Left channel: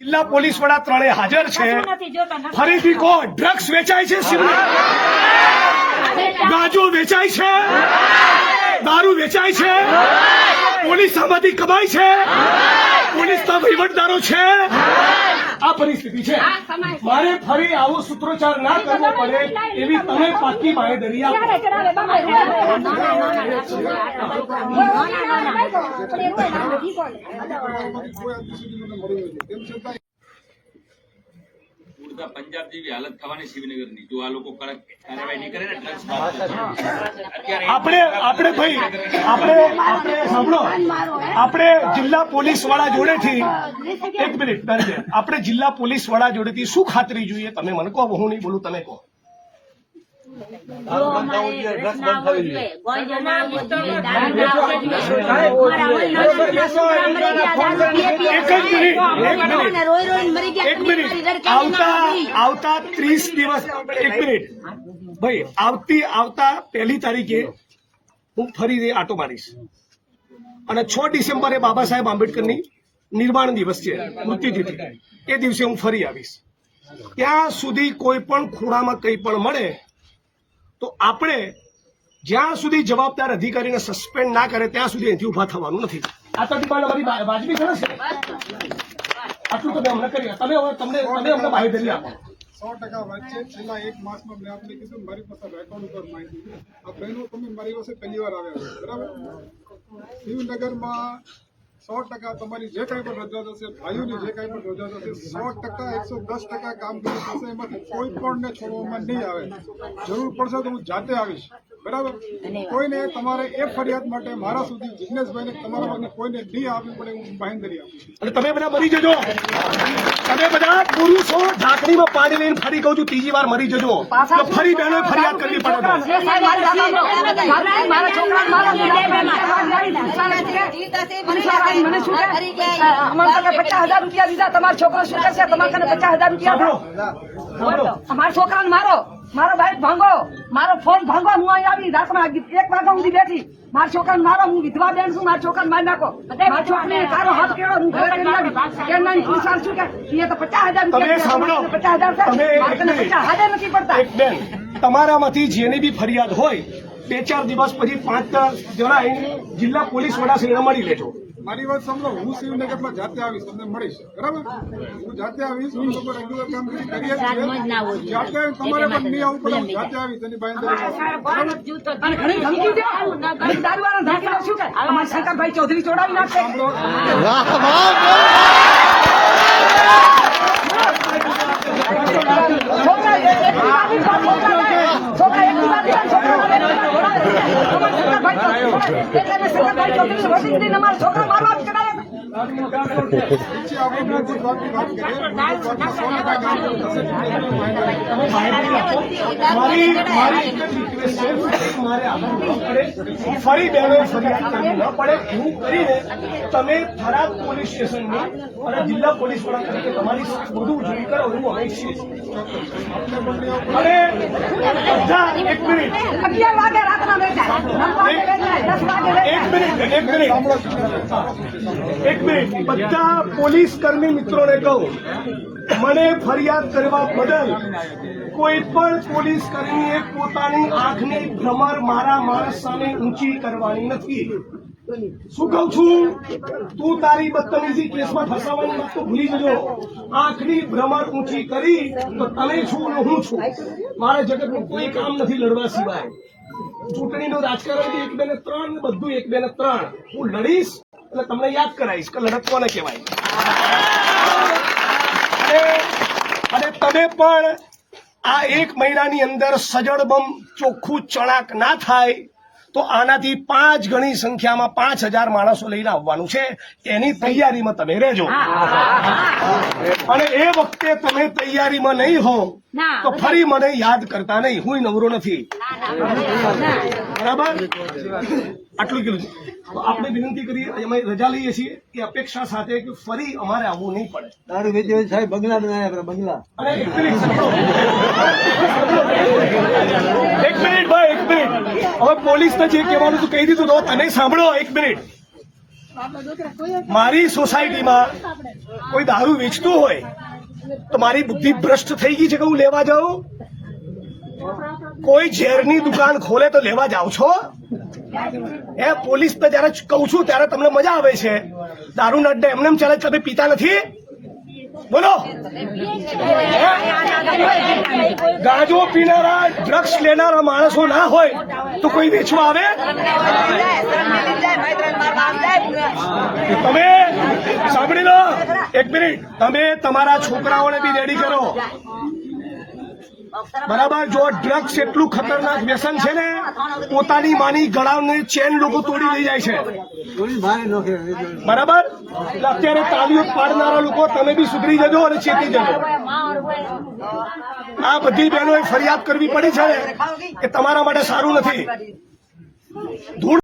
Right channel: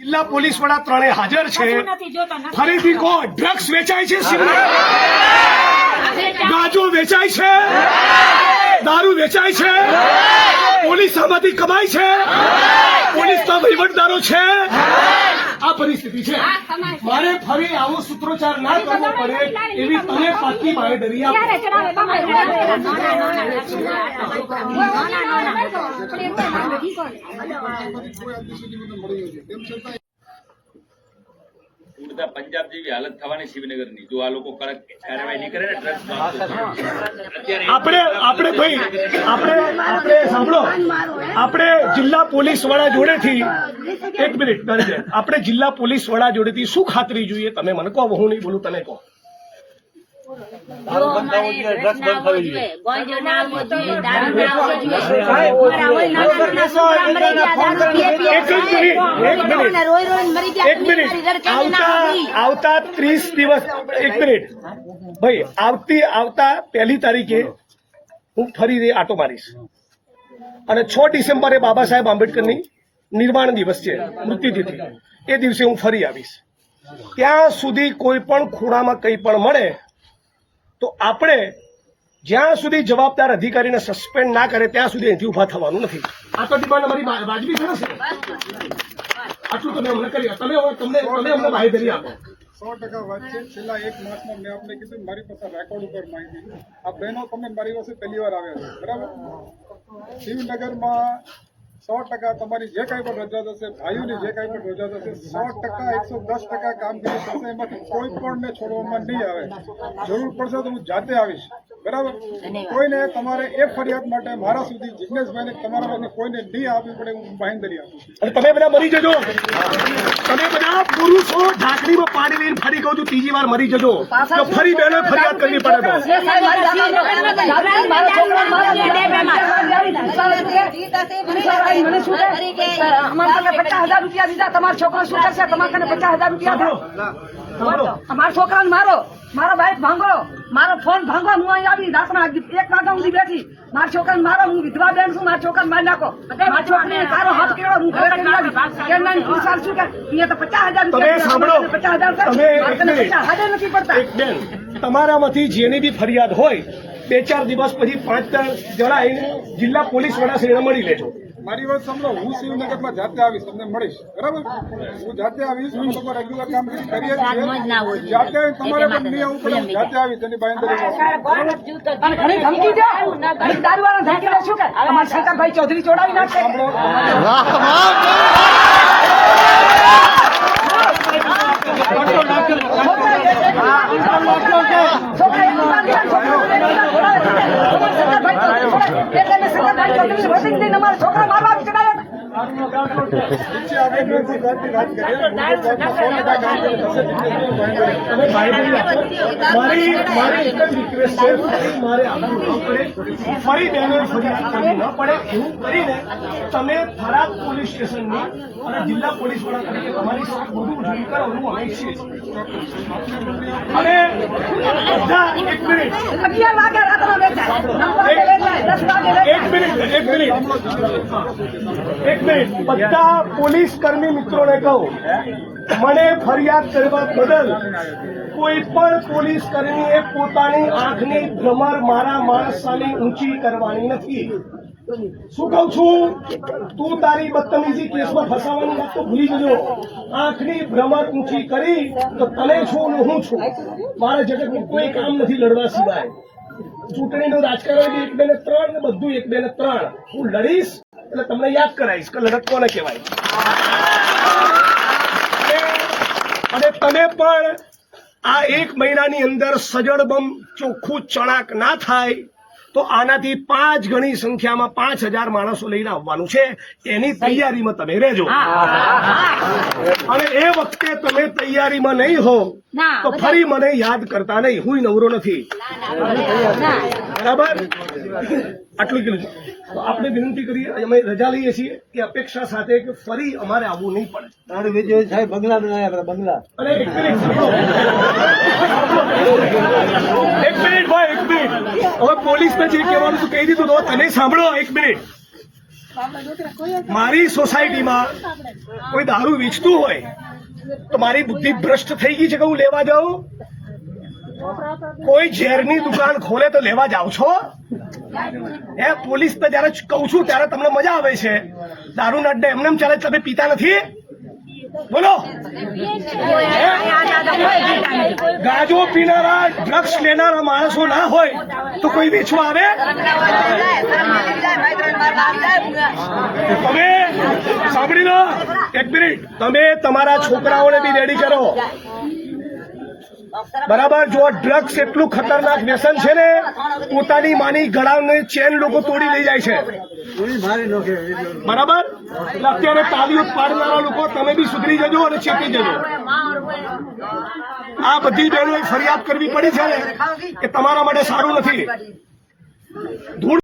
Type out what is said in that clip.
જિલ્લા પોલીસ વડા ત્રણે હાજર છે। ફરીથી કહો, ડ્રગ્સ વેચાય છે શિવનગર, ગાંજો વેચાય છે, દારૂ વેચાય છે, પોલીસ આમાંથી કમાય છે, પોલીસના વહીવટદારો છે। આ પરિસ્થિતિ છે। મારે ફરી આવો સૂત્રોચ્ચાર ના કરવો પડે એવી તમે પાકી બાંહેધરી આપો। પંજાબ જેવી હાલત થવાની શિવનગરની જો આ લોકો કડક કાર્યવાહી નહીં કરે ને ડ્રગ્સ આપણે ભાઈ આપણે સાંભળો, આપણે જિલ્લા પોલીસ વડા જોડેથી એક મિનિટ આપણે જિલ્લા પોલીસ વડા જોડેથી શું ખાતરી જોઈએ તમે મને કહો, હું નહીં બોલું, તમે કહો। આવતા 30 દિવસ, એક મિનિટ ભાઈ, આવતા 1 તારીખે હું ફરી આટો મારીશ અને 6 ડિસેમ્બરે બાબા સાહેબ આંબેડકરની નિર્વાણ દિવસ છે, મૃત્યુતિથિ, એ દિવસે હું ફરી આવીશ। ત્યાં સુધી કોઈ પણ ખૂણામાં કંઈ પણ મળે તો આપણે જ્યાં સુધી જવાબદાર અધિકારીને સસ્પેન્ડ ના કરે ત્યાં સુધી અહીંથી ઉભા થવાનું નથી। આ તો ડિમાન્ડ અમારી વાજબી છે ને? આટલું તમે અમને કરી, તમે અમને બાંહેધરી આપો। 100% વાત છે। છેલ્લા 1 માસમાં મેં આપને કીધું મારી પાસે રેકોર્ડ ઉપર માહિતી, આ બહેનો તમે મારી પાસે પહેલી વાર આવ્યા છો, બરાબર? શિવનગરમાં 100% તમારી જે કાંઈ પણ રજૂઆત હશે, ભાઈઓની જે કાંઈ પણ રજૂઆત હશે, 100% 110% કામગીરી થશે। એમાંથી કોઈ પણને છોડવામાં નહીં આવે। જરૂર પડશે તો હું જાતે આવીશ, બરાબર? કોઈને તમારે એ ફરિયાદ માટે મારા સુધી જિગ્નેશભાઈને તમારા પાસે કોઈને નહીં આપવી પડે, હું બાંહેધરી આપું છું। અને તમે બધા મરી જજો, તમે બધા પુરુષો ઢાંકણીમાં પાણી લઈને ફરી કહું છું ત્રીજી વાર મરી જજો તો ફરી બહેનો ફરિયાદ કરવી પડે તો। તમારો છોકરો શું કરશે? તમારે 50,000 રૂપિયા અમારા છોકરાને મારો, મારો બાઈક ભાંગો, મારો ફોન ભાંગો, હું અહીં આવી રાતના 1 વાગ્યા સુધી બેઠી, મારા છોકરાને મારો, હું વિધવા બેન છું, મારા છોકરાને મારી નાખો, મારા છોકરીને તારો હાથ કેળો, હું ઘરે શું કે એ તો 50,000 રૂપિયા 50,000 નથી પડતા। તમારામાંથી જેની બી ફરિયાદ હોય 2-4 દિવસ પછી 5 જણા આવીને જિલ્લા પોલીસ વડા શ્રીને મળી લેજો। મારી વાત સમજો, હું શિવનગરમાં જાતે આવીશ, તમને મળીશ, બરાબર? હું જાતે આવીશ, હું લોકો રેગ્યુલર કામ કરીએ છીએ, જાતે આવીશ, તમારે પણ નહીં આવવું પડે, હું જાતે આવીશ, એની બાંહેધરી શું કે અમારા શંકરભાઈ ચૌધરી ચોડાવી નાખશે। છોકરા મારવા ફરી બહેનો ફરિયાદ કરવી ન પડે એવું કરીને તમે થરાદ પોલીસ સ્ટેશનમાં અને જિલ્લા પોલીસ વડા તરીકે તમારી બધું ઉજવણી કરો એવું અમે ઈચ્છીએ છીએ। અને બધા એક મિનિટ બધા પોલીસ કર્મી મિત્રોને કહું, મને ફરિયાદ કરવા બદલ કોઈ પણ પોલીસ કર્મીએ પોતાની આંખની ભ્રમર મારા માણસ સામે ઊંચી કરવાની નથી। શું કહું છું? તું તારી બદતમીજી કેસમાં ફસાવાની વાત તો ભૂલી જજો। આંખની ભ્રમર ઊંચી કરી તો તને છું ને હું છું, મારે જગતનું કોઈ કામ નથી લડવા સિવાય। ચૂંટણીનું રાજકારણ 1, 2 ને 3 ને બધું 1, 2 ને 3 હું લડીશ એટલે તમને યાદ કરાવીશ કે લડત કોને કહેવાય। અને તમે પણ આ 1 મહિનાની અંદર સજડબમ ચોખ્ખું ચણાક ના થાય તો આનાથી 5 ગણી સંખ્યામાં 5,000 માણસો લઈને આવવાનું છે, એની તૈયારીમાં તમે રહેજો। અને એ વખતે તમે તૈયારીમાં નહીં હો તો ફરી મને યાદ કરતા નહીં, હું નવરો નથી, બરાબર? આટલું કીધું તો આપણે વિનંતી કરીએ, અમે રજા લઈએ છીએ કે અપેક્ષા સાથે કે ફરી અમારે આવવું નહીં પડે। તારું વિજય સાહેબ બંગલા બનાવ્યા, બંગલા। અને એક મિનિટ ભાઈ, 1 મિનિટ, હવે પોલીસને જે કહેવાનું તું કહી દીધું તો તને સાંભળો। 1 મિનિટ, મારી સોસાયટીમાં કોઈ દારૂ વેચતું હોય તો મારી બુદ્ધિ ભ્રષ્ટ થઈ ગઈ છે કે હું લેવા જાઉં? કોઈ ઝેરની દુકાન ખોલે તો લેવા જાવ છો? પોલીસ તો જયારે કહું છું ત્યારે તમને મજા આવે છે. દારૂના અડ્ડે એમને એમ ચાલે, તમે પીતા નથી? બોલો. ગાંજો પીનારા, ડ્રગ્સ લેનારા માણસો ના હોય તો કોઈ વેચવા આવે? તમે સાંભળી લો, એક મિનિટ. તમે તમારા છોકરાઓને બી રેડી કરો, બરાબર? જો ડ્રગ્સ એટલું ખતરનાક વ્યસન છે ને, પોતાની માની ગળાની ચેન લોકો તોડી લઈ જાય છે, બરાબર? એટલે અત્યારે તાલીઓ પાડનારા લોકો તમે બી સુધરી જજો અને ચેતી જજો. આ બધી બહેનોએ ફરિયાદ કરવી પડી છે ને કે તમારા માટે સારું નથી. ધૂળ